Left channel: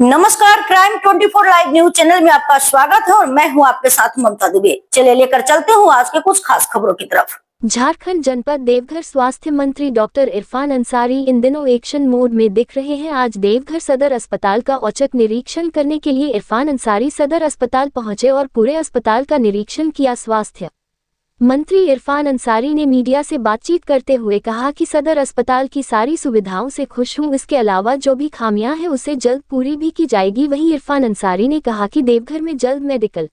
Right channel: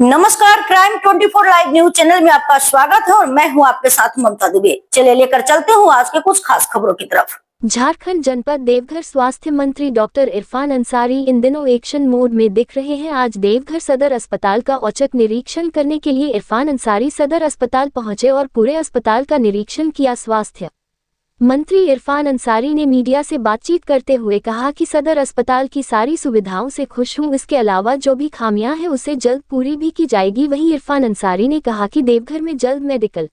नमस्कार, crime 24 live news channel में आपका स्वागत है और मैं हूं आपके साथ ममता दुबे। चलिए लेकर चलते हूं आज के कुछ खास खबरों की तरफ। झारखंड जनपद देवघर स्वास्थ्य मंत्री डॉक्टर इरफान अंसारी इन दिनों एक्शन मोड में दिख रहे हैं। आज देवघर सदर अस्पताल का औचक निरीक्षण करने के लिए इरफान अंसारी सदर अस्पताल पहुंचे और पूरे अस्पताल का निरीक्षण किया। स्वास्थ्य मंत्री इरफान अंसारी ने मीडिया से बातचीत करते हुए कहा कि सदर अस्पताल की सारी सुविधाओं से खुश हूं, इसके अलावा जो भी खामियां हैं उसे जल्द पूरी भी की जाएगी। वहीं इरफान अंसारी ने कहा कि देवघर में जल्द मेडिकल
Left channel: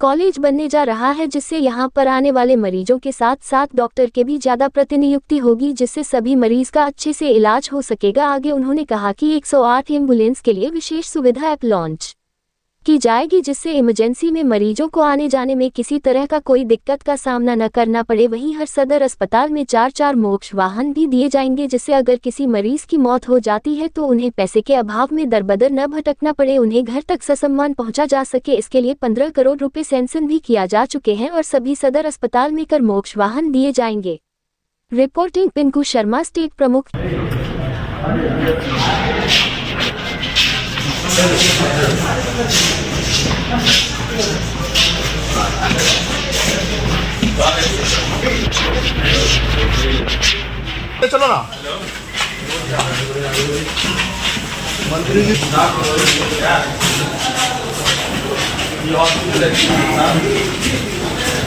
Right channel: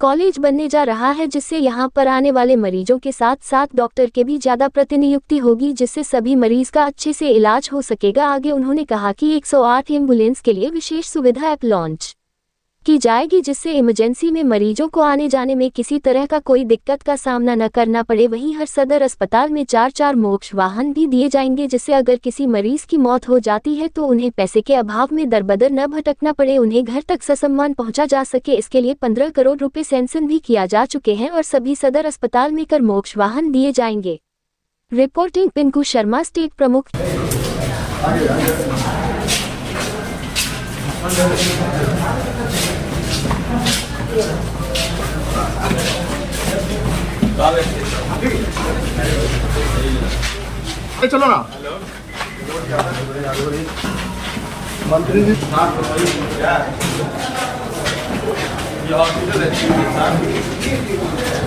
कॉलेज बनने जा रहा है, जिससे यहां पर आने वाले मरीजों के साथ साथ डॉक्टर के भी ज्यादा प्रतिनियुक्ति होगी, जिससे सभी मरीज का अच्छे से इलाज हो सकेगा। आगे उन्होंने कहा कि 108 एम्बुलेंस के लिए विशेष सुविधा ऐप लॉन्च की जाएगी, जिससे इमरजेंसी में मरीजों को आने जाने में किसी तरह का कोई दिक्कत का सामना न करना पड़े। वहीं हर सदर अस्पताल में 4 मोक्ष वाहन भी दिए जाएंगे, जिससे अगर किसी मरीज की मौत हो जाती है तो उन्हें पैसे के अभाव में दरबदर न भटकना पड़े, उन्हें घर तक ससम्मान पहुंचा जा सके। इसके लिए 15 करोड़ रुपए सैंक्शन भी किया जा चुके हैं और सभी सदर अस्पताल में कर मोक्ष वाहन दिए जाएंगे। रिपोर्टिंग पिंकू शर्मा, स्टेट प्रमुख। चलो ना मंत्री जी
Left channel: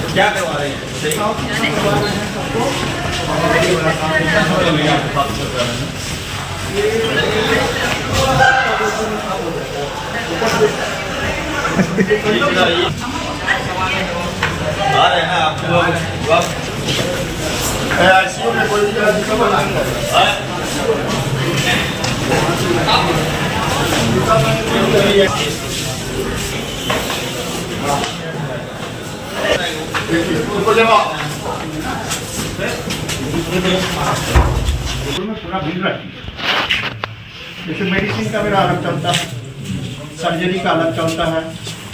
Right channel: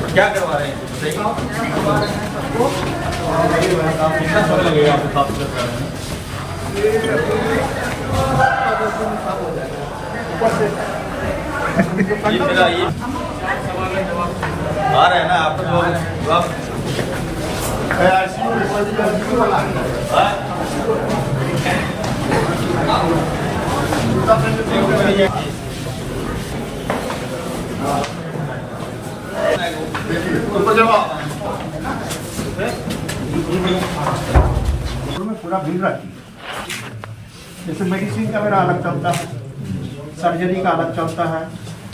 क्या करवा रहे आ रहे हैं ना आप लोग। आईसीयू में कोई पूरा भीड़ रहती है। जैसे मेडिसिन का मेरा अलग चलता है, सर्जरी का अलग चलता है,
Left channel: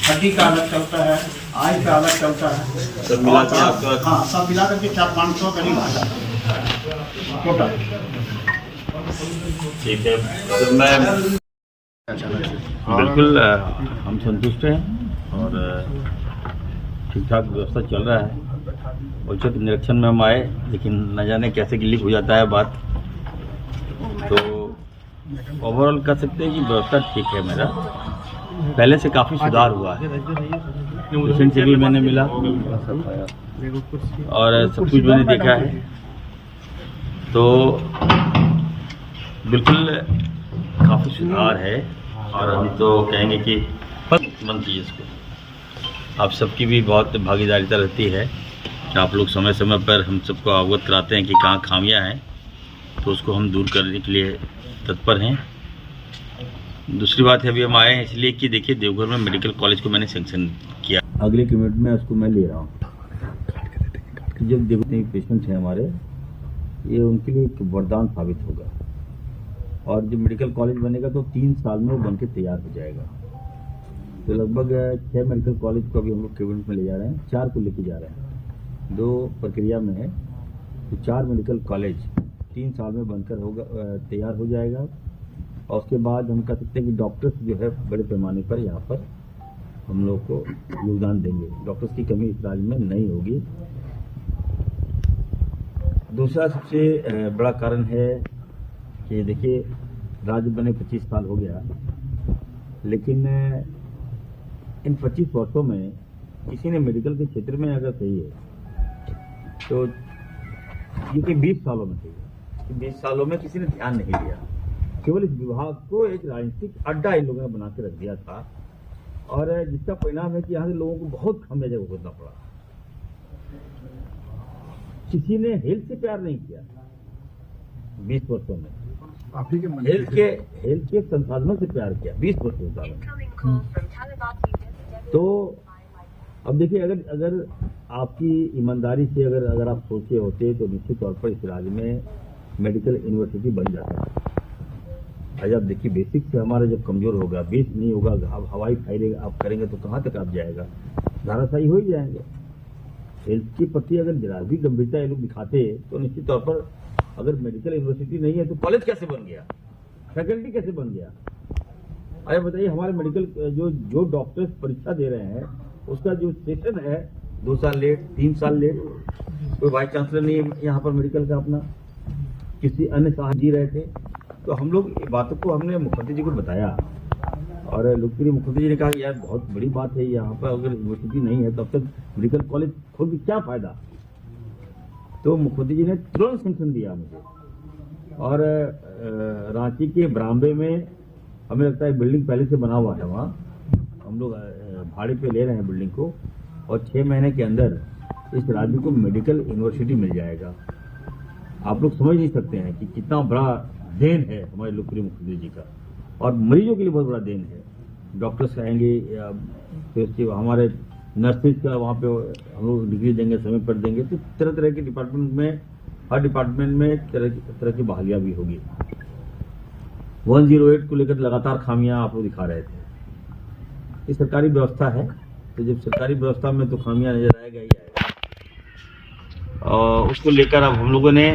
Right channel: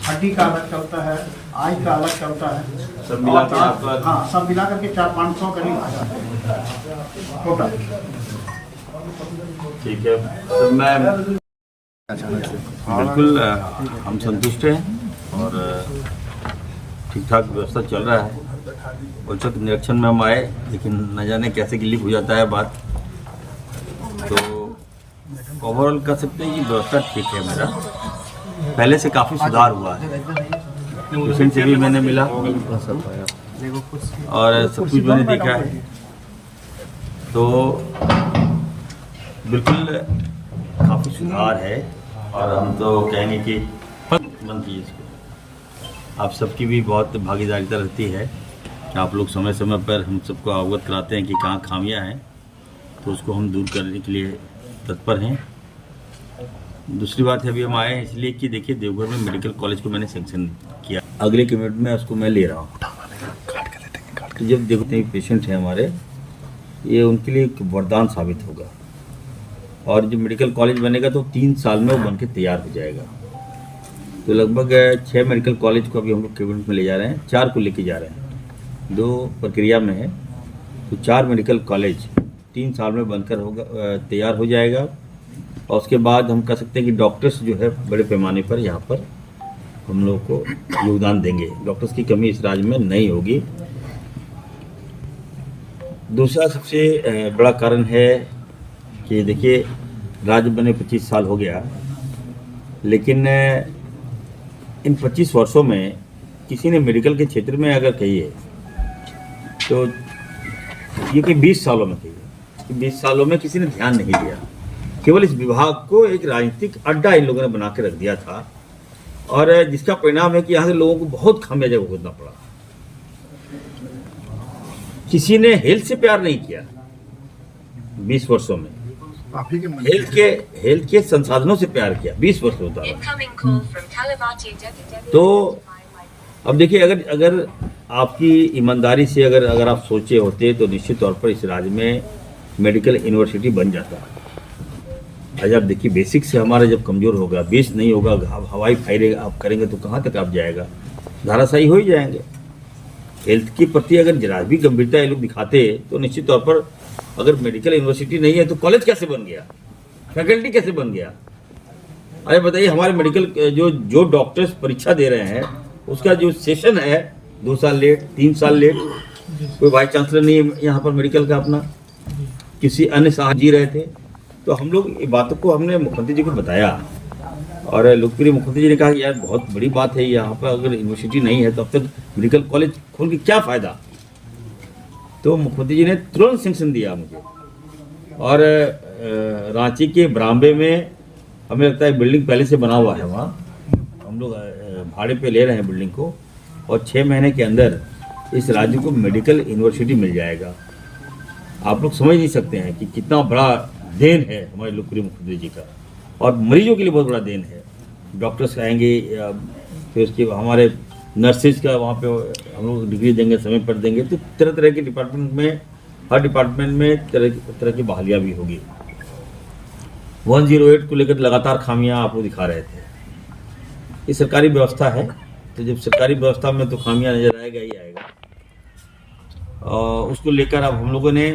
हड्डी का अलग चलता है, आई का अलग चलता है, सब मिला के आपका? हाँ, सब मिला करके 400-500 करीब आ जाते हैं टोटल। ठीक है, तो मैं बिल्कुल हम संतुष्ट हैं और ठीक ठाक व्यवस्था चल रहा है। औचक निरीक्षण में हम आए, लेकिन न जाने कैसे गिलीक हो जाता है बात। तो ओवरऑल कह सकते हैं कि व्यवस्था ठीक है। मेरा पहले से काफ़ी सुधार हुआ है। पेशेंट से भी मैंने मिला और सब कुछ मैंने देखा है, तो बिल्कुल काफ़ी सुधार है। और हम तो कहेंगे कि मंत्री इसको आप सबकी भी बहुत भागीदारिता रहती है कि आप लोग समय समय पर हम सबको अवगत कराते हैं कि कहाँ खामियां हैं, तो उसको हम दूर करने के लिए तत्पर हैं। दूसरी बात है, अभी हम आए हैं इसलिए कि देखिए देवघर में मेडिकल कॉलेज को मैंने सैंक्शन किया। अगले कमिट में उसको मैं ले रहा हूँ। जब देखते हैं पेशेंट हैं हमारे, ये उनके लिए एक वरदान साबित होगा। और जब मेडिकल कॉलेज बनेगा तो 3 साल में वो बन के तैयार हो जाएगा। तो लगभग 6 मेडिकल कॉलेज को अभी हम लोग कैबिनेट में ले जा रहे हैं, 4 को लेके जा रहे हैं, 2 प्रक्रिया में है। तो 4 मेडिकल कॉलेज 3 साल में बनकर होगा, तैयार हो जाएगा। और उसके बाद हम कह सकते हैं कि डॉक्टर्स जो है बड़े पैमाने पर यहाँ पर हम लोग को योगदान देंगे। डॉक्टर्स की कमी इस राज्य में नहीं होगी। दूसरा सबसे बड़ा कारण है कि देखिए राज्य बने 25 साल हो गया, लेकिन इन 25 वर्षों में किसी ने मेडिकल के क्षेत्र में अगर कहिए तो ये कि 20 सालों में कहिए, 20 सालों में किसी ने ध्यान नहीं दिया। केवल इस विभाग को एक राजनीतिक अड्डा इन लोगों ने बना के रख दिया था, और जिसका परिणाम है कि यहाँ के लोगों को बहुत खामियाजा भुगतना पड़ा। किसी ने हेल्थ से प्यार नहीं किया 20 वर्षों में। हेल्थ के संसाधनों से प्यार किया 20 वर्ष होता है। तो अब देखिए, अगर आपकी ईमानदारी से अगर आप सोचे होते तो निश्चित तौर पर इस राज्य में मेडिकल यूनिवर्सिटी बन जाता है। जब देखिए बेसिक से हमारा जब कमज़ोर होगा, बेस नहीं होगा, हवाई फायरिंग आप करेंगे तो कहाँ तक आप जाएगा, धाराशायी हो ही जाएंगे। हेल्थ के प्रति अगर जरा भी गंभीरता ये लोग दिखाते तो निश्चित तौर पर अगर मेडिकल यूनिवर्सिटी नहीं है तो कॉलेज कैसे बन गया, फैकल्टी कैसे बन गया, अरे बताइए, हमारे मेडिकल जो डॉक्टर्स परीक्षा दे रहे हैं उसका जो सेशन है 2 साल लेट, 3 साल लेट। कोई वाइस चांसलर नहीं है यहाँ पर मेडिकल का अपना, किसी अन्य साहब जी रहे थे। तो हम लोग ये बातों को हमने मुख्यमंत्री जी को बताया और लोकप्रिय मुख्यमंत्री जी ने कहा कि यार बहुत बड़ी बात है, यहाँ पर अगर यूनिवर्सिटी नहीं है तो अब तक मेडिकल कॉलेज खोल के क्या फ़ायदा। तो मुख्यमंत्री जी ने तुरंत सैंक्शन दिया मुझे। और रांची के बरामबे में हमें लगता है बिल्डिंग पहले से बना हुआ है, वहाँ हम लोग भाड़े पे ले रहे हैं बिल्डिंग को, और 6 महीने के अंदर इस राज्य को मेडिकल यूनिवर्सिटी मिल जाएगा। आप लोग समझ नहीं सकते हैं कि कितना बड़ा देन है हमारे लोकप्रिय मुख्यमंत्री जी का, और मरीजों के लिए बहुत बड़ा देन है। डॉक्टर्स आएंगे, फिर उसके हमारे नर्सेज का वहाँ पे हम लोग डिग्री देंगे, समय पर देंगे। तो तरह तरह के डिपार्टमेंट में, हर डिपार्टमेंट में तरह की बहालियाँ भी होगी। 108 को लेकर लगातार खामियां आप लोग दिखा रहे थे। ये सरकारी व्यवस्था है, तो जब सरकारी व्यवस्था में तो खामियां नजर आएगा ही आएगा। और उसको लेकर अब हम लोगों ने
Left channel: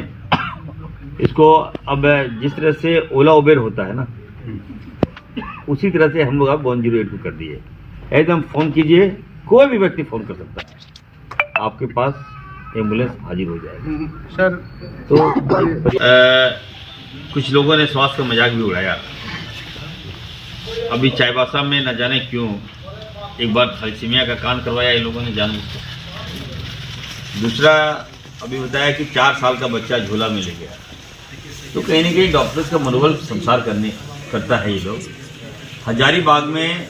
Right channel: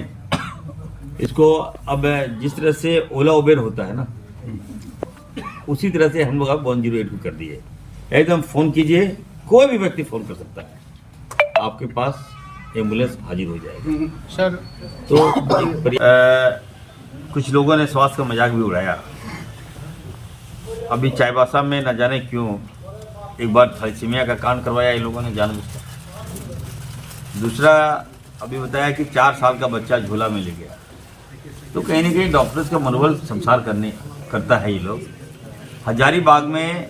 इसको, अब जिस तरह से ओला उबेर होता है ना, उसी तरह से हम लोग अब 108 को कर दिए। एकदम फ़ोन कीजिए, कोई भी व्यक्ति फ़ोन कर सकता है, आपके पास एम्बुलेंस हाजिर हो जाएगी। सर तो कुछ लोगों ने स्वास्थ्य का मजाक भी उड़ाया। अभी चाईबासा में न जाने क्यों एक बार थैलेसीमिया का कांड करवाया इन लोगों ने जानबूझकर। दूसरा अभी बताया कि 4 साल का बच्चा झोला में ले गया। तो कहीं ना कहीं डॉक्टर्स का मनोबल संसार करता है ये लोग। हजारीबाग में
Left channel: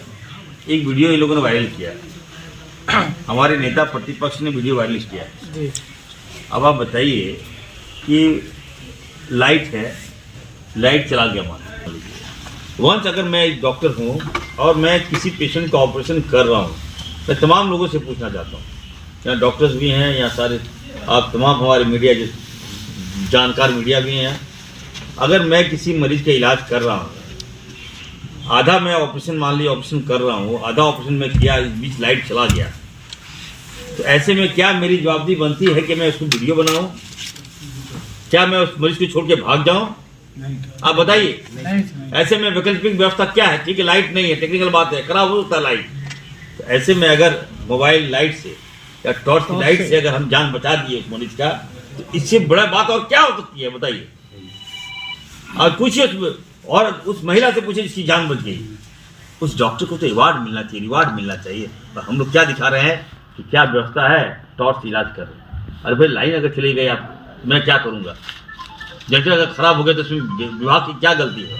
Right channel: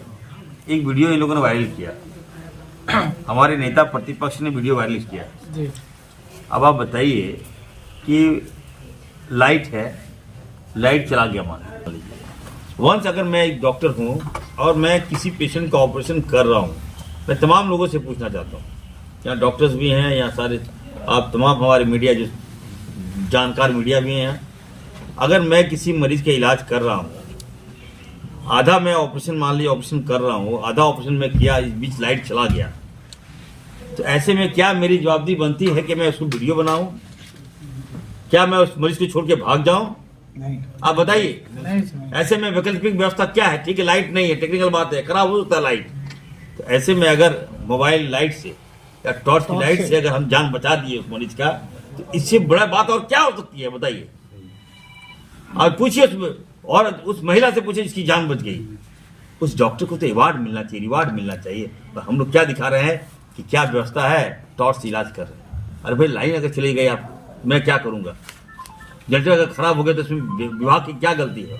एक वीडियो इन लोगों ने वायरल किया, हमारे नेता प्रतिपक्ष ने वीडियो वायरल किया है। अब आप बताइए कि लाइट है, लाइट चला गया मान लीजिए। वंस अगर मैं एक डॉक्टर हूँ और मैं किसी पेशेंट का ऑपरेशन कर रहा हूँ, मैं तमाम लोगों से पूछना चाहता हूँ, यहाँ डॉक्टर्स भी हैं, यहाँ सारे आप तमाम हमारे मीडिया जो जानकार मीडिया भी हैं, अगर मैं किसी मरीज का इलाज कर रहा हूँ, आधा मैं ऑपरेशन मान लीजिए ऑपरेशन कर रहा हूँ, आधा ऑपरेशन में किया, इस बीच लाइट चला गया, तो ऐसे में क्या मेरी जवाबदेही बनती है कि मैं उसको वीडियो बनाऊं? क्या मैं उस मरीज को छोड़ के भाग जाऊं? आप बताइए। ऐसे में वैकल्पिक व्यवस्था क्या है? ठीक है, लाइट नहीं है, टेक्निकल बात है, खराब हो सकता है लाइट। तो ऐसे में अगर मोबाइल लाइट से या टॉर्च की लाइट से अगर हम जान बचा दिए उस मरीज का, तो इससे बड़ा बात और क्या हो सकती है बताइए। और पूछिए, और उस महिला से पूछिए जिसकी जान बच गई, उस डॉक्टर को तो अवार्ड मिलना चाहिए, रिवार्ड मिलना चाहिए। पर हम लोग क्या दिखा रहे हैं कि क्या व्यवस्था है, टॉर्च से इलाज कर रहे हैं। अरे भाई, लाइन अगर चली गई, आप मैं क्या करूँगा? जनरेटर अगर खराब हो गया तो इसमें विभाग की क्या गलती है?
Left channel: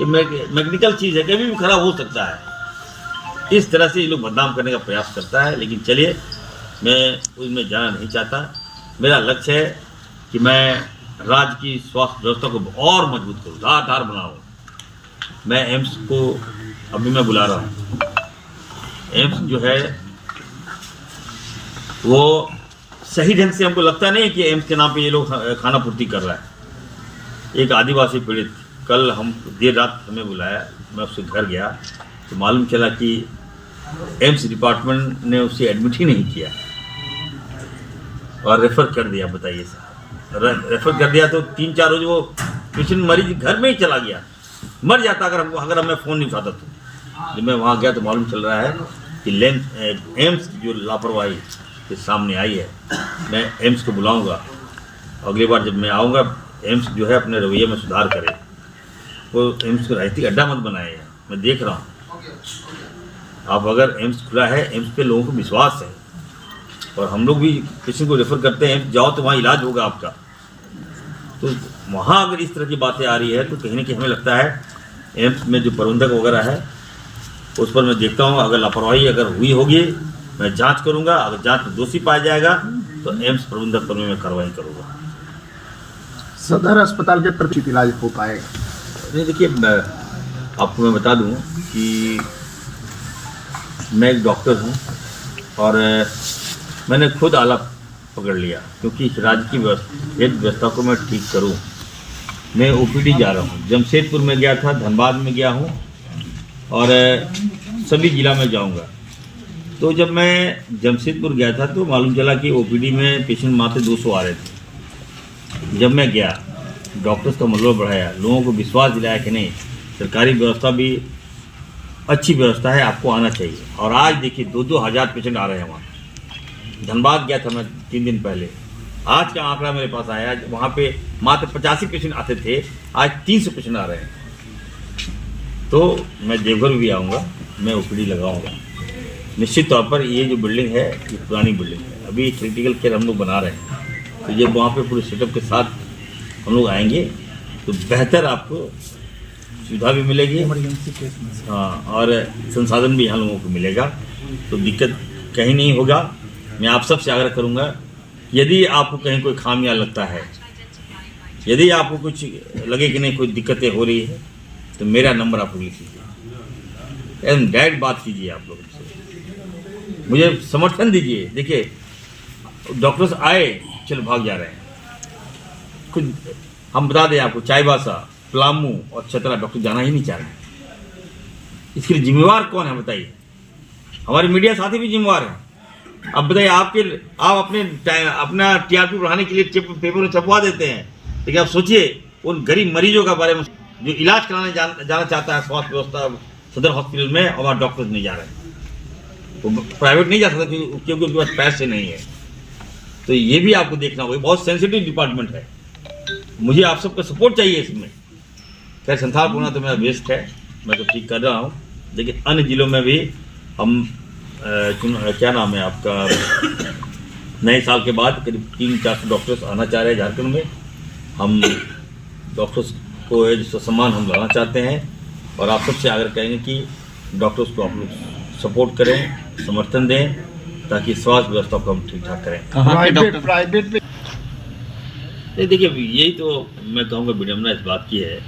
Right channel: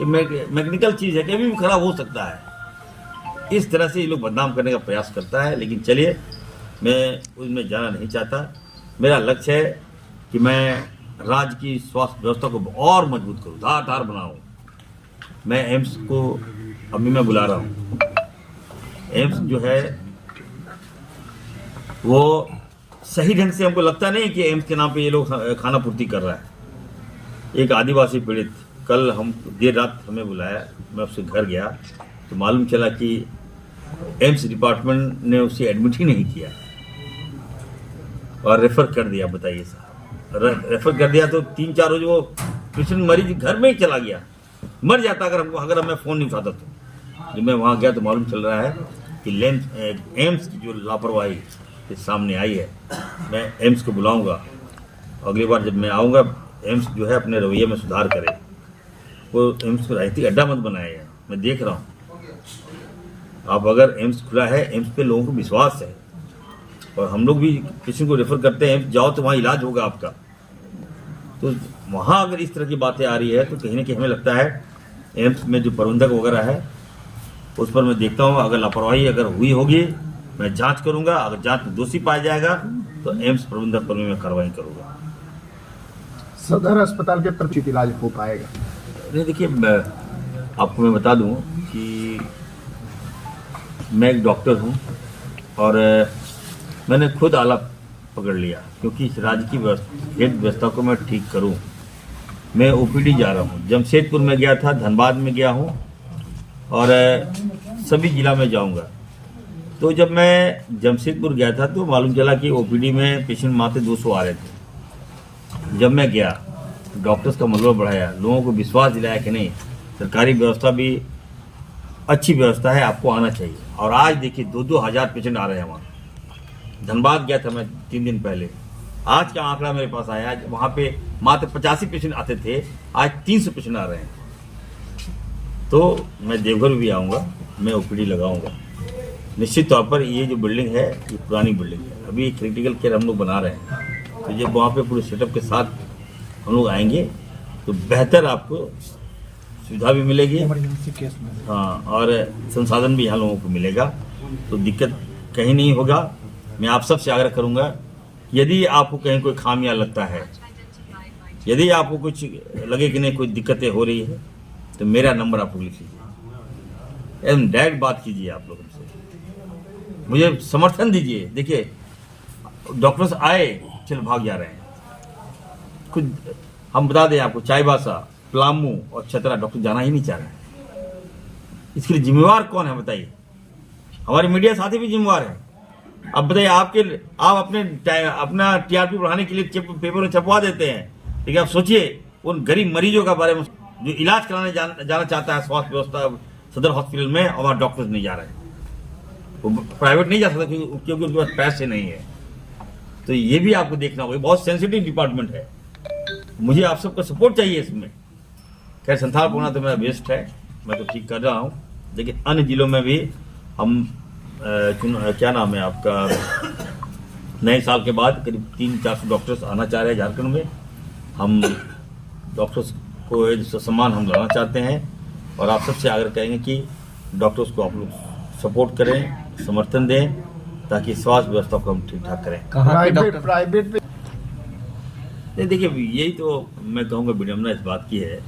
ये मैकेनिकल चीज़ है, कभी भी खराब हो सकता है। इस तरह से ये लोग बदनाम करने का प्रयास करता है। लेकिन चलिए, मैं उसमें जाना नहीं चाहता। मेरा लक्ष्य है कि मैं राज्य की स्वास्थ्य व्यवस्था को और मजबूत करूँ, धार बनाऊँ। मैं एम्स को अभी मैं बुला रहा हूँ। एम्स जो है वो सही ढंग से, हमको लगता नहीं कि एम्स के नाम पे ये लोग खाना पूर्ति कर रहा है। एक आदिवासी पीड़ित कल हम देर रात हमें बुलाया, मैं उसके घर गया तो मालूम चला कि एम्स डिपार्टमेंट ने उसे एडमिट ही नहीं किया और रेफ़र कर दिया। बताइए साहब, रेफ़र कर दिया तो 3-4 रोज वो पेशेंट मरीज घर में ही चला गया, मर जाता अगर मैं फ़ोन नहीं उठाता। तो जब मैं वहाँ गया तो मालूम चल रहा है कि एम्स की जो लापरवाही के सामने आई है। मैं एम्स को बुलाऊंगा, अगली बार जब मैं आऊँगा, एम्स जो है अपने रवैये में सुधार करे। वो एम्स को राजनीतिक अड्डा मत बनाए हैं। मैं देख रहा हूँ, आप अगर एम्स खुला है, एम्स पे लोगों को विश्वास है, और हम लोग भी किसी को रेफ़र करते हैं, एम्स जाओ तो वहाँ इलाज होगा आपका। तो वहाँ अगर इस तरह की बातें आ रही है तो कहीं ना कहीं हमें लगता है एम्स में जो प्रबंधक वगैरह है उस पर मैं देखता हूँ, अगर लापरवाही अगर हुई होगी मैं जांच करूंगा। अगर जांच में दोषी पाया जाएगा तो एम्स प्रबंधक पर मैं कार्रवाई करूंगा। सदर अस्पताल के प्रचित इलाज हो पाएगा? नहीं, देखिए, आपको मैं बता दूं कि मैं एक डॉक्टर हूं और मैंने खुद आला पकड़ लिया, क्योंकि इस राज्य की हेल्थ व्यवस्था को मैं ठीक करूं। मैं ओपीडी जा रहा हूं, जमशेदपुर में गया था, धनबाद में गया हूं और सभी जिला में जाऊंगा। तो जब मैं जमशेदपुर गया था तो मालूम चला कि ओपीडी में पेशेंट मात्र 200 आ रहे थे। जब मैं गया, डॉक्टर्स का मनोबल बढ़ाया, लोगों को विश्वास दिलाया कि नहीं, सरकारी व्यवस्था भी अच्छी व्यवस्था है, आपको आना चाहिए। और आज देखिए 2-2 हज़ार पेशेंट आ रहे हैं वहाँ। धनबाद गया था मैं 3 दिन पहले, आज का आंकड़ा मेरे पास आया, वहाँ पे मात्र 85 पेशेंट आते थे, आज 300 पेशेंट आ रहे हैं। तो मैं देवघर भी आऊँगा, मैं ओपीडी लगाऊंगा। निश्चित तौर पर ये जो बिल्डिंग है ये पुरानी बिल्डिंग है, अभी क्रिटिकल केयर हम लोग बना रहे हैं। तो जब वहाँ पे पूरे सेटअप के साथ हम लोग आएंगे तो बेहतर आपको सुविधा भी मिलेगी, हाँ, और संसाधन भी यहाँ लोगों को मिलेगा, तो दिक्कत कहीं नहीं होगा। मैं आप सबसे आग्रह करूँगा, यदि आपको कहीं कोई खामियां लगता है, यदि आपको कुछ लगे कि नहीं कोई दिक्कतें हो रही है, तो मेरा नंबर आप लोग लिख लीजिए, एकदम डायरेक्ट बात कीजिए आप लोगों से, मुझे समर्थन दीजिए। देखिए डॉक्टर्स आए, चलो भाग जा रहे हैं, कुछ हम बता दें आपको, चाईबासा, पलामू और चतरा डॉक्टर जाना ही नहीं चाह रहे। इसके लिए जिम्मेवार कौन है बताइए? हमारे मीडिया साथी भी जिम्मेवार हैं। अब बताइए, आप अपना टीआरपी बढ़ाने के लिए पेपर छपवा देते हैं, लेकिन आप सोचिए उन गरीब मरीजों का बारे में जो इलाज कराने जाना चाहता है स्वास्थ्य व्यवस्था सदर हॉस्पिटल में, और वहाँ डॉक्टर्स नहीं जा रहे हैं, वो प्राइवेट नहीं जा सकता क्योंकि उनके पास पैसे नहीं है। तो ये भी आपको देखना होगा, बहुत सेंसिटिव डिपार्टमेंट है, मुझे आप सबका सपोर्ट चाहिए इसमें। खैर संथाल होना तो मेरा बेस्ट है, मैं तो ठीक कर रहा हूँ, लेकिन अन्य जिलों में भी हम क्या नाम है आपका, नए साल के बाद करीब 300-400 डॉक्टर्स आना चाह रहे हैं झारखंड में। हम डॉक्टर्स को जिसका सम्मान हम लाना चाहते हैं, और आप सबसे आग्रह करेंगे कि डॉक्टर्स को आप लोग सपोर्ट करें, समर्थन दें, ताकि स्वास्थ्य व्यवस्था को हम ठीक ठाक करें। प्राइवेट देखिए यही तो मैं कहूँगा विडम्बना इस बात की है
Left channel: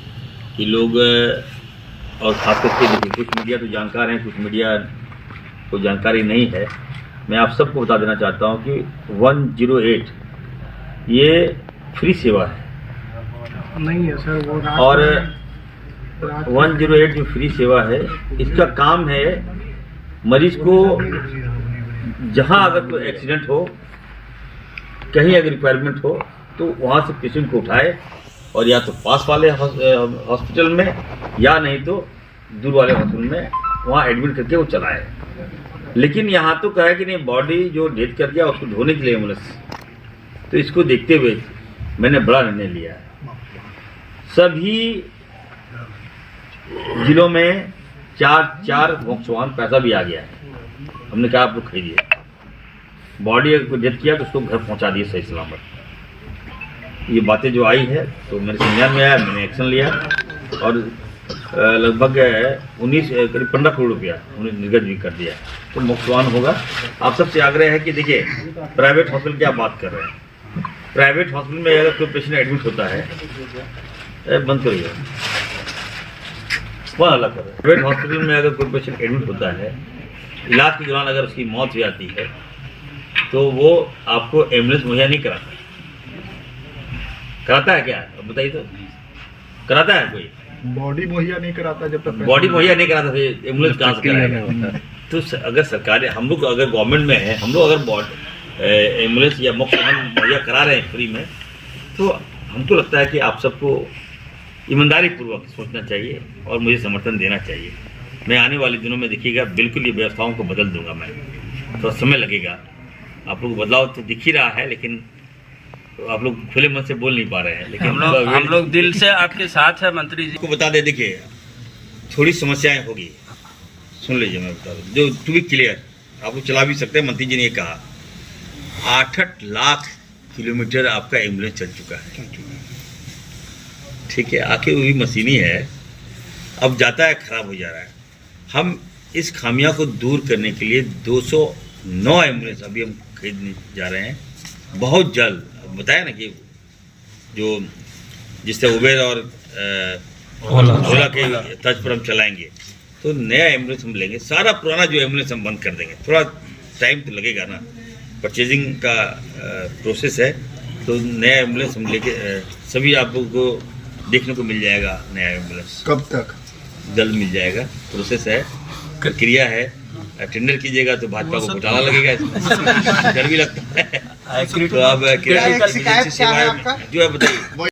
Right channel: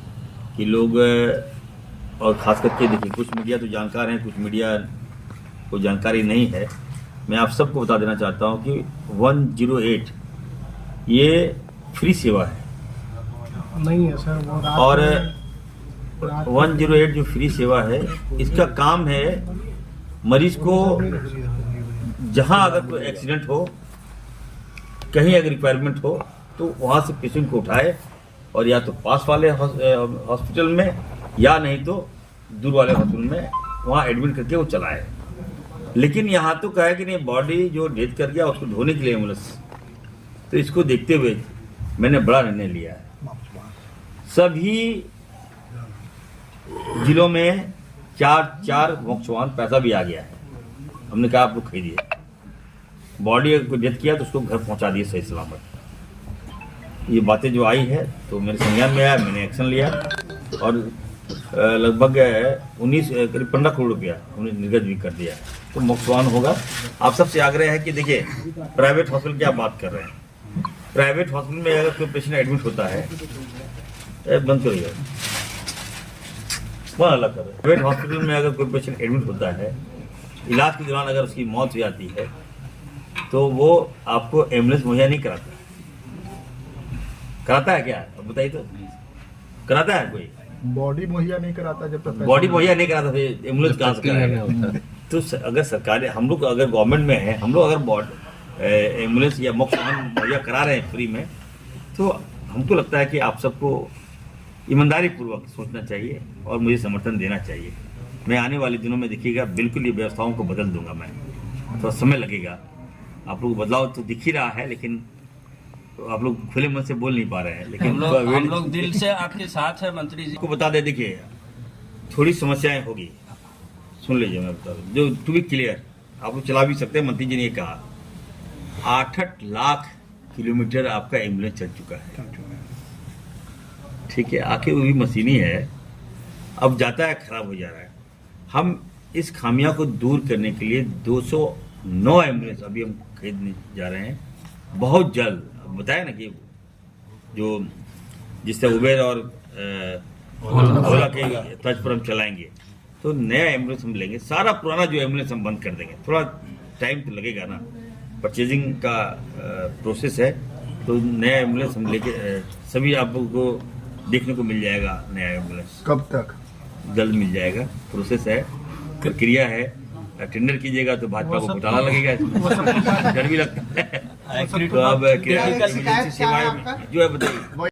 कि लोग, और खास करके देखिए कुछ मीडिया तो जानकार हैं, कुछ मीडिया को जानकारी नहीं है। मैं आप सबको बता देना चाहता हूँ कि 108 ये फ्री सेवा है, नहीं है सर वो, और 108 जो फ्री सेवा है, इसका काम है मरीज को जहाँ अगर कोई एक्सीडेंट हो, कहीं अगर रिक्वायरमेंट हो, तो वहाँ से पेशेंट को उठाए और या तो पास वाले हॉस्पिटल में या नहीं तो दूर वाले हॉस्पिटल में वहाँ एडमिट करके वो चलाए। लेकिन यहाँ तो कहा है कि नहीं, बॉडी जो डेथ कर गया उसको धोने के लिए एम्बुलेंस। तो इसको देखते हुए मैंने बड़ा निर्णय लिया है, सभी जिलों में 4 मोक्ष पैसा भी आ गया है। हमने कहा आप लोग खरीदिए, बॉडी अगर कोई डेथ किया तो उसको घर पहुंचा दिए सही सलामत। ये बातें जो आई है तो मेरे संज्ञान में आया, मैंने एक्शन लिया, और लगभग 15 करोड़ रुपया उन्हें निर्गत भी कर दिया। तो मोक्षवान होगा। आप सबसे आग्रह है कि देखिए प्राइवेट हॉस्पिटल की आप बात कर रहे हैं, प्राइवेट हॉस्पिटल में अगर कोई पेशेंट एडमिट होता है, बंद करिए, वहाँ अलग कर रहे हैं। प्राइवेट हॉस्पिटल में अगर कोई पेशेंट एडमिट होता है, इलाज के दौरान अगर उसकी मौत हो जाती है, तो वो आपको एम्बुलेंस मुहैया नहीं कराता। कराता है क्या? अब बताइए तो, कराता है कोई? बॉडी मुहैया नहीं कराता, जब तक बॉडी मुहैया नहीं कराता तो एम्बुलेंस कहाँ से कराएगा? तो अगर सरकार, हम लोग अगर गवर्नमेंट में है, हम लोग अगर एम्बुलेंस या मुफ्त मुहैया करा रहे हैं फ्री में, तो हमको लगता है कि आप सबको ईमानदारी पूर्वक सोचना चाहिए और मुझे समर्थन देना चाहिए। मैं आने वाले दिनों में देखिएगा बिल्कुल ये व्यवस्थाओं को बदल दूंगा। मैं थोड़ा समय लगेगा, आप लोग बदलाव तो दिख ही रहा है, लेकिन आप लोग खुले मन से बोल नहीं पा रहे हैं। लेकिन हम लोग दिल से आपके साथ है मंत्री जी। को बता दे, देखिए थोड़ी समस्याएं होगी, सुन लीजिए मैं बता दूं, जो टू बी क्लियर, आप लोग चला भी सकते हैं। मंत्री जी ने कहा 8 लाख किलोमीटर आपका एम्बुलेंस चल चुका है, ठीक है, आखिर वो भी मशीनी है, अब जाता है खराब हो जा रहा है। हम इस खामियां को दूर करने के लिए 209 एम्बुलेंस अभी हम खरीदने जा रहे हैं बहुत जल्द। बताया ना कि जो जिससे उबेर और ओला के तर्ज पर हम चलाएंगे, तो नया एम्बुलेंस हम लेंगे। सारा पुराना जो एम्बुलेंस हम बंद कर देंगे, थोड़ा टाइम तो लगेगा ना, परचेजिंग का प्रोसेस है। तो नया एम्बुलेंस हम लेके सभी आप लोगों को देखने को मिल जाएगा। नया एम्बुलेंस कब तक? जल्द मिल जाएगा, प्रोसेस है, प्रक्रिया है। टेंडर कीजिएगा तो भाजपा को घोटाला लगेगा, इसमें डर भी लगता है। तो अब किराए सेवाएं जो है बताइए।